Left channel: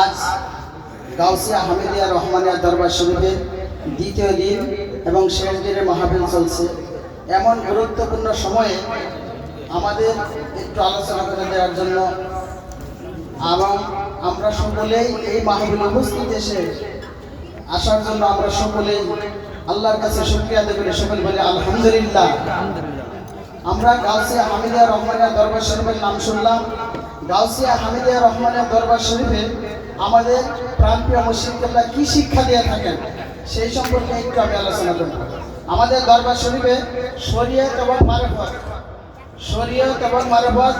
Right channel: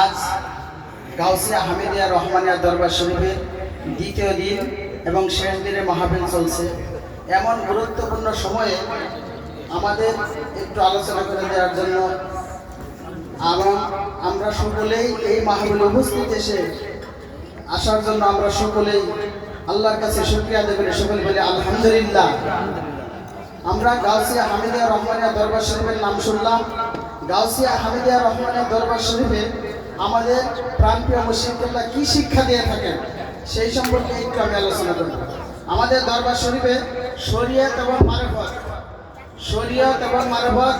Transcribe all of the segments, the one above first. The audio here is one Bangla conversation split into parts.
আজ গাউসিয়া হামিদিয়া রহমানিয়া দরবার শরীফের দ্বিতীয় দিন এবং শেষ দিনের মাহফিল চলছে। এমন গুরুত্বপূর্ণ সময়ে আমাদের একটু আলোচনা করে দেওয়ার জন্য আমরা সকলেই এই মাহফিলে উপস্থিত আসার জন্য আমরা সকলেই আল্লাহর কাছে শুকরিয়া আদায় করি। সকলে বলি আলহামদুলিল্লাহ। আমরা গাউসিয়া হামিদিয়া রহমানিয়া দরবার শরীফের নাম শুনলাম। গাউসিয়া হামিদিয়া রহমানিয়া দরবার শরীফে আমাদের প্রাণপ্রিয় মুর্শিদ কেবলা কি শিক্ষা দিয়ে থাকেন সেই সম্পর্কে একটু আমি আলোচনা করব। আমাদের দরবার শরীফে শরীয়ত এবং মারফত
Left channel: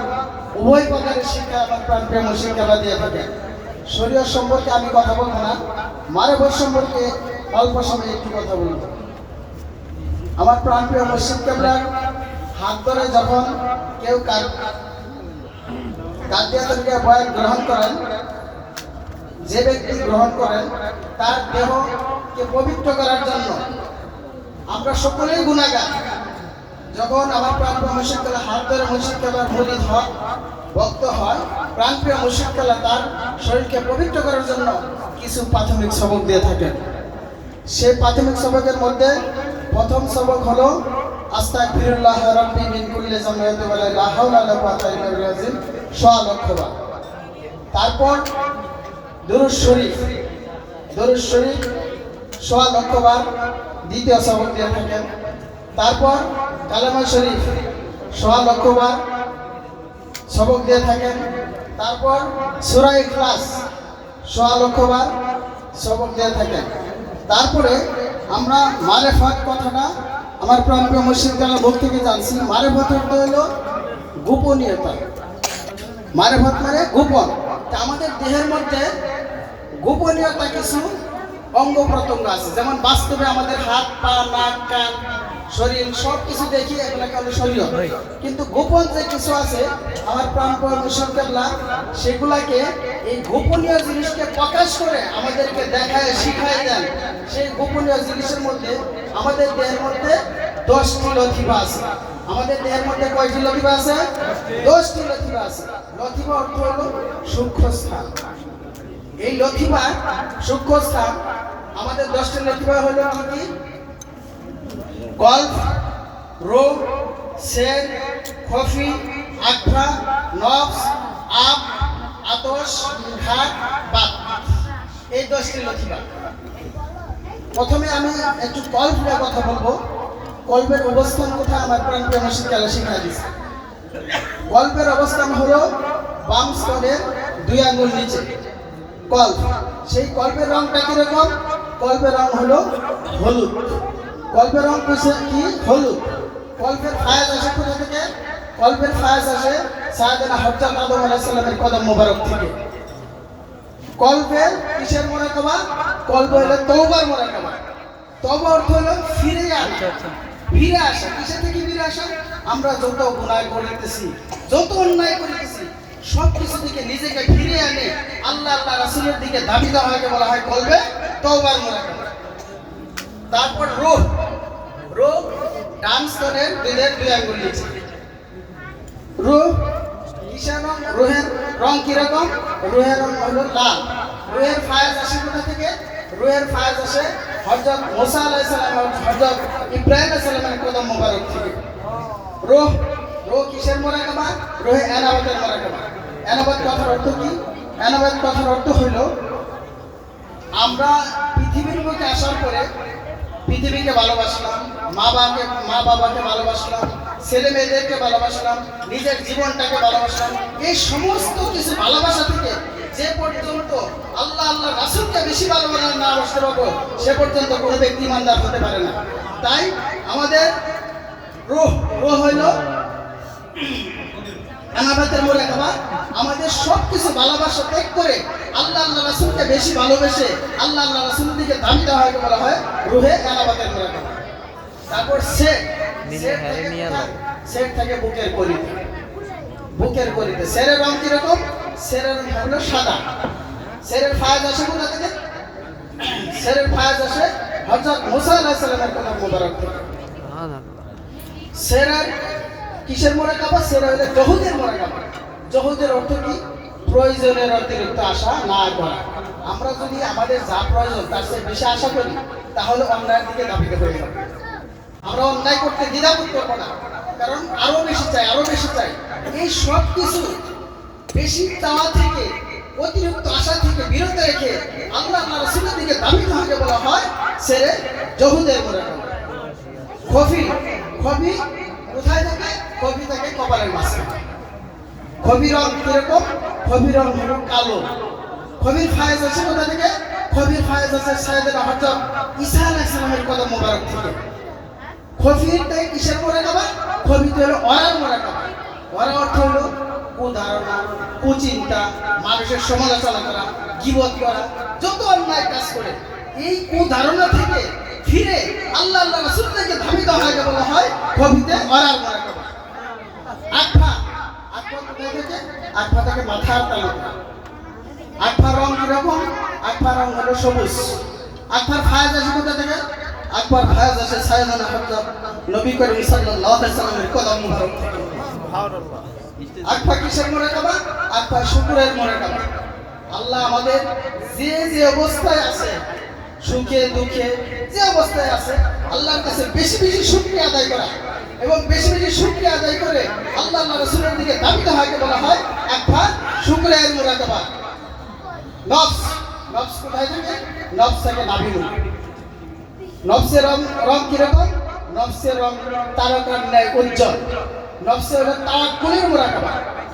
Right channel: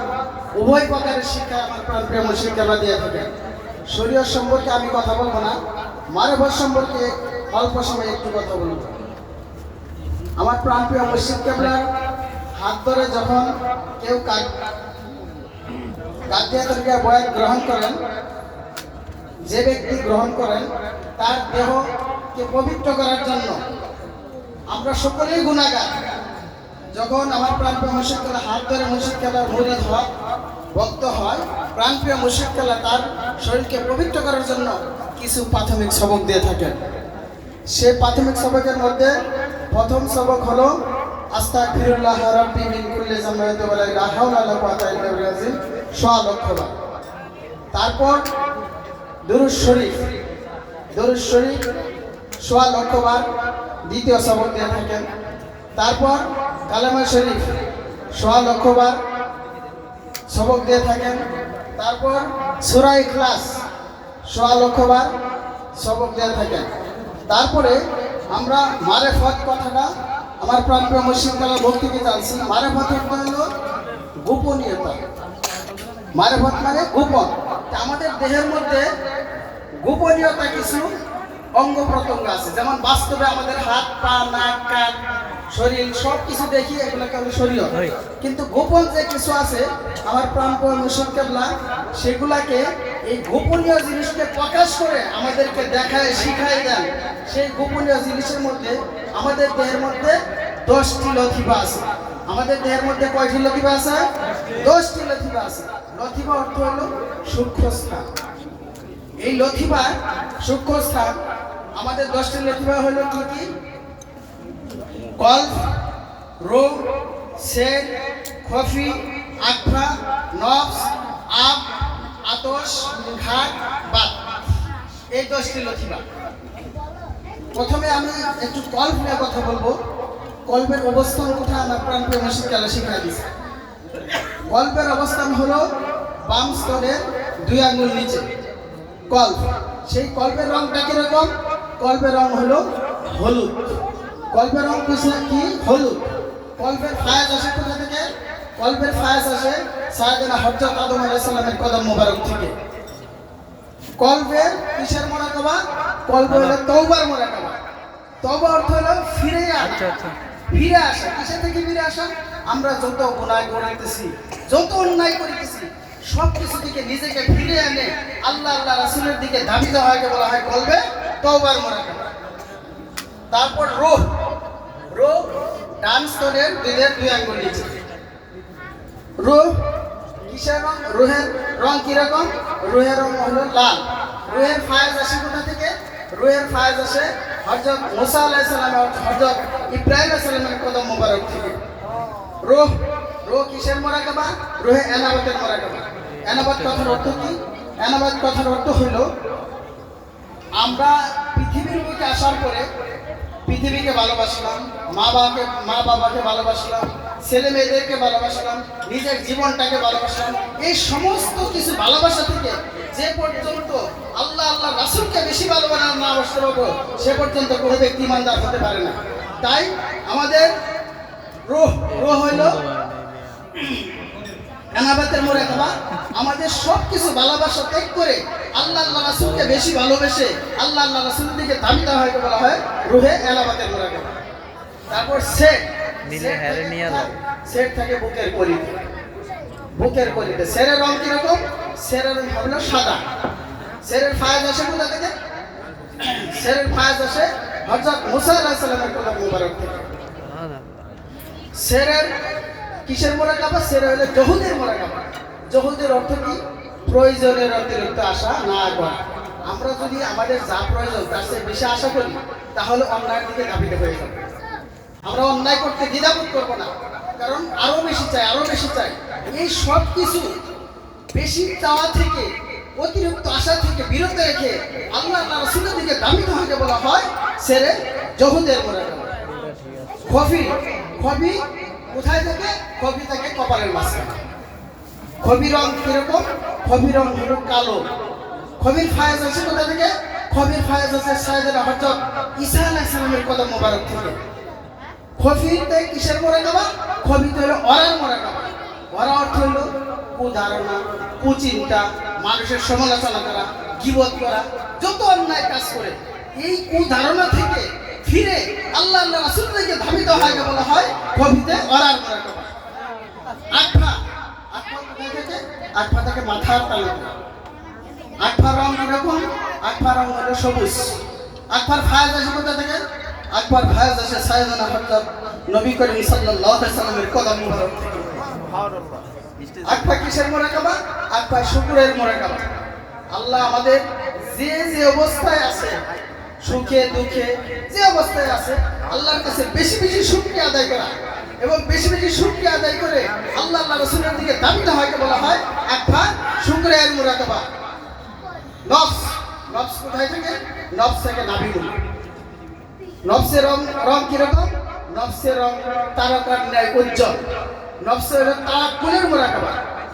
উভয় প্রকারের শিক্ষা আমার প্রাণপ্রিয় মুর্শিদ কেবলা দিয়ে থাকেন। শরীয়ত সম্পর্কে আমি কথা বলবো না, মারফত সম্পর্কে অল্প সময় একটু কথা বলব। আমার প্রাণপ্রিয় মুর্শিদ কেবলার হাত ধরে যখন কেউ কাদিয়াতুল বয়ান গ্রহণ করেন, যে ব্যক্তি গ্রহণ করেন তার দেহকে পবিত্র করার জন্য আমরা সকলেই গুনাহগার। যখন আমার প্রাণপ্রিয় মুর্শিদ কেবলা হাত ধরে মুর্শিদ কেবলার মুরিদ হয়, ভক্ত হয়, প্রাণপ্রিয় মুর্শিদ কেবলা তার শরীরকে পবিত্র করার জন্য কিছু প্রাথমিক সবক দিয়ে থাকেন। সেই প্রাথমিক সবকের মধ্যে প্রথম সবক হলো আস্তাগফিরুল্লাহ রাব্বি মিন কুল্লি যামবিন ওয়া লা হাওলা ওয়া লা কুওয়াতা ইল্লা বিল্লাহ 100 লক্ষ বার। তারপর দুরূদ শরীফ 100 লক্ষ বার দ্বিতীয় সবক দিয়ে থাকেন। তারপর কালামে শরীফ 100 লক্ষ বার সবক দিয়ে থাকেন। তারপর সূরা ইখলাস 100 লক্ষ বার সবক দিয়ে থাকেন। তারপরে আমরা মারেফত কথাটা আমার প্রাণপ্রিয় মুর্শিদ কেবলার ভক্তিকে জানছি। মারেফত অর্থ হলো গোপনীয়তা। মারেফত মানে গোপন। আমাদের দেহের মধ্যে গোপনীয়তা কিছু অঙ্গ প্রত্যঙ্গ আছে, যেমন বাস্তবে আমাদের হাত, পা, নাক, কান, শরীর সব কিছু দেখি, এগুলোকে হলো শরীয়ত। কিন্তু গোপন যে কিছু আছে আমার প্রাণপ্রিয় মুর্শিদ কেবলা সেগুলাকে, এই গোপনীয় জিনিসকে প্রকাশ করে আমাদেরকে দেখায়, শিখায় দেন। সেই গোপনীয় জিনিসের মধ্যে আমাদের দেহের মধ্যে 10টি লতিফা আছে। আমাদের দেহের মধ্যে কয়টি লতিফা আছে? 10টি লতিফা আছে। লতিফা অর্থ হলো সূক্ষ্ম স্থান। এই লতিফা সূক্ষ্ম স্থান আমাদের 10টি লতিফা হলো কি কি? কলব, রূহ, সের, খফি, আকফা, নফস, আব, আতশ, খাক, বাত। এই 10টি লতিফা। প্রথমে আমি একটু কলব নিয়ে কথা বলবো। কলবের অবস্থান কোথায় আমার প্রাণপ্রিয় মুর্শিদ কেবলা শিক্ষা দিয়েছে। কলবের অবস্থান হলো বাম স্তরের 2 আঙ্গুল নিচে কলব। সেই কলবের রংটা কিরকম? কলবের রং হলো হলুদ। কলবের রং কি? হলুদ। কলবের ফায়াজ আসে কোথা থেকে? কলবের ফায়াজ আসে সাইয়েদনা হযরত আদম আলাইহিস সালামের কদম মোবারক থেকে। কলবের কিসের মুরাকাবা? কলব হলো তওবার মুরাকাবা। তওবা অর্থ হলো ফিরে আসা। ফিরে আসা কিসের থেকে? ফিরে আসা। আমরা যত গুনাহ করিতেছি, যত অন্যায় করিতেছি, সব কিছু থেকে নিজেকে ফিরে আনে আল্লাহ রাসূলের দিকে ধাবিত হওয়াকে বলা হয় কলবে তওবার মুরাকাবা। তারপর রূহ ডান স্তরের দিলের 2 আঙ্গুল নিচে। রূহ কিসের রং? রূহের রং কিরকম? রূহের রং হলো লাল। রূহের ফায়াজ আসে কোথা থেকে? রূহের ফায়াজ আসে হযরত মুসা আলাইহিস সালাম আর হযরত ইব্রাহিম আলাইহিস সালামের কদম মোবারক থেকে। রূহ কিসের মুরাকাবা? রূহে এনাবাতের মুরাকাবা। এনাবাত কথার অর্থ কি? এনাবাত কথার অর্থ হলো আমরা পৃথিবীর বুকে আসার পরে পৃথিবীকে ভালোবাসলাম, মা বাবাকে ভালোবাসলাম, ছেলে মেয়েদেরকে ভালোবাসলাম, নিজের জীবনটাকে ভালোবাসলাম। এই সমস্ত কিছু ভালোবাসা থেকে যে পর্যন্ত আল্লাহ রাসূলকে বেশি ভালোবাসা না বাসতে পারবো সে পর্যন্ত কোনো ব্যক্তি ইমানদার হতে পারে না। তাই আমাদের রূহ হইল এনাবাতের মুরাকাবা। আমাদের সব কিছু ভালোবাসা ত্যাগ করে আল্লাহ রাসূলকে বেশি ভালোবেসে আল্লাহ রাসূলের দিকে ধাবিত হওয়াকে বলা হয় রূহে এনাবাতের মুরাকাবা। তারপর সের থাকে বুকের কলিতে। সেরের রং কিরকম? সেরের রং হলো সাদা। সেরের ফায়াজ আসে কোথা থেকে? সেরের ফায়াজ আসে হযরত মুসা আলাইহিস সালামের কদম মোবারক থেকে। সেরের কিসের মুরাকাবা? সেরের হলো জহুদের মুরাকাবা। জহুদের অর্থ কি? প্রয়োজনের অতিরিক্ত আশা না করা। আমরা যদি আমাদের যা প্রয়োজন তার চেয়ে বেশি আশা করি তাহলে অন্যায়ের দিকে ধাবিত হয়ে যাবে। আমরা অন্যায় করতে দ্বিধাবোধ করবো না, কারণ আরো বেশি চাই, আরো বেশি চাই। এই সব কিছু বেশি চাওয়া থেকে, অতিরিক্ত আশা থেকে বিরত রেখে আল্লাহ রাসূলের দিকে ধাবিত হতে বলা হয় সেরে জহুদের মুরাকাবা। খফি কোথায় থাকে? খফি থাকে কপালের মাঝখানে। খবি রং কিরকম? খবি রং হলো কালো। খবির ফায়েজ আছে কোথা থেকে? খবির ফায়েজ আছে সাইয়েদনা হযরত ঈসা আলাইহিস সালামের কদম মোবারক থেকে। খফিতে কিসের মুরাকাবা? খবিতে হলো ওরার মুরাকাবা। ওরা অর্থ হলো কুধারণা, কুচিন্তা, মানুষের সমালোচনা করা, গীবত করা, যত অন্যায় কাজ করে এই কুধারণা থেকে ফিরে আল্লাহ রাসূল থেকে ধাবিত হয় বলা হয় খবিতে ওরার মুরাকাবা। আটফা কোথায় থেকে? আটফা থেকে মাথার তালু। আটফা রং কিরকম? আটফা রং হলো সবুজ। আটফার ফায়েজ আছে কোথা থেকে? আটফার ফায়েজ আছে সাইয়েদনা হযরত নবী করিম সাল্লাল্লাহু আলাইহি সাল্লামের কদম মুবারক থেকে। আটফা কিসের মুরাকাবা? আটফা শুকরের মুরাকাবা। আল্লাহ আমাদের যে যে অবস্থায় আছে, সুখে দুঃখে যে অবস্থায় আছে, আল্লাহর কাছে বেশি বেশি শুকরিয়া আদায় করা এবং বেশি বেশি শুকরিয়া আদায় করে আল্লাহ রাসূলের দিকে ধাবিত হতে বলা হয় আটফা শুকরের মুরাকাবা। নফস কোথায় থেকে? নফস থেকে নাভিমূল। নফসের রং কিরকম? নফসের রং তারকার ন্যায় উজ্জ্বল। নফসের হলো তাওয়াক্কুলের মুরাকাবা।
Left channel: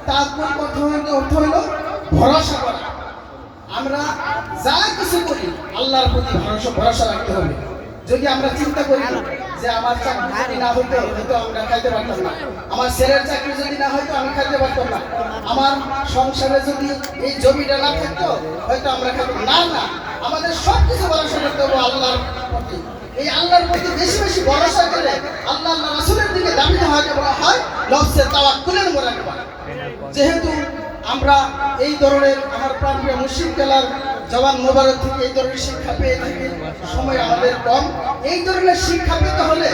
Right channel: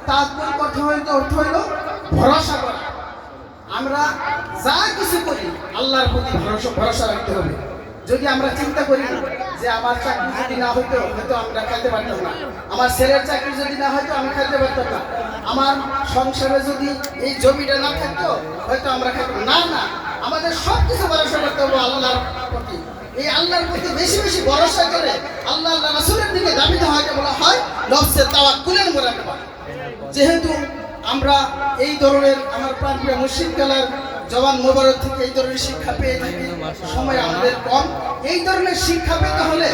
তাওয়াক্কুল অর্থ হইল ভরসা করা। আমরা যা কিছু করি আল্লাহর প্রতি ভরসা রাখতে হবে। যদি আমরা চিন্তা করি যে আমার চাকরি যদি না হতো হয়তো আমরা খাইতে পারতাম না, আমার ছেলের চাকরি যদি না হয়তো আমি খাইতে পারতাম না, আমার সংসারে যদি এই জমিটা না থাকতো হয়তো আমরা খাইতাম না। না, আমাদের সব কিছু ভরসা করতে হবে আল্লাহর প্রতি। এই আল্লাহর প্রতি বেশি বেশি ভরসা করে আল্লাহ রাসূলের দিকে ধাবিত হতে বলা হয় নফসের তাওয়াক্কুলের মুরাকাবা। যেহেতু আমরা এই ধরনের আমার প্রাণপ্রিয় মুর্শিদ কালার জওয়ান মোবারক থেকে এই ধরনের শিক্ষা পেয়ে থাকি, সময় আমাদের কম। এই ধরনের শিক্ষা পেতে হলে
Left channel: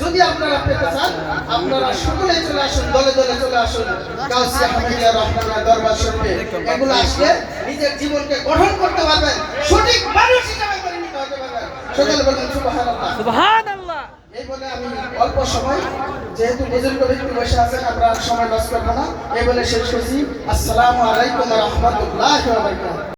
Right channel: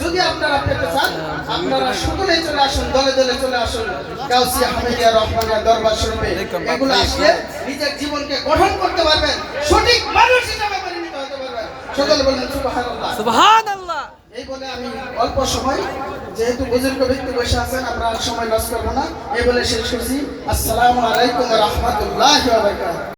যদি আপনারা পেতে চান আপনারা সকলেই চলে আসুন, দলে দলে চলে আসুন গাউসিয়া হামিদিয়া রহমানিয়া দরবার শরীফে। এগুলো আসলে নিজের জীবনকে গঠন করতে পারবেন, সঠিক মানুষ হিসেবে পরিণত হতে পারবেন। সকলে বলেন সুবহানাল্লাহ, সুবহানাল্লাহ। এই বলে আমি অল্প সময়, যেহেতু বুজুর্গ ব্যক্তি বসে আছেন আমরা সময় লস করবো না, এই বলে শেষ করছি। আসসালামু আলাইকুম ওয়া রাহমাতুল্লাহি ওয়া বারাকাতুহু।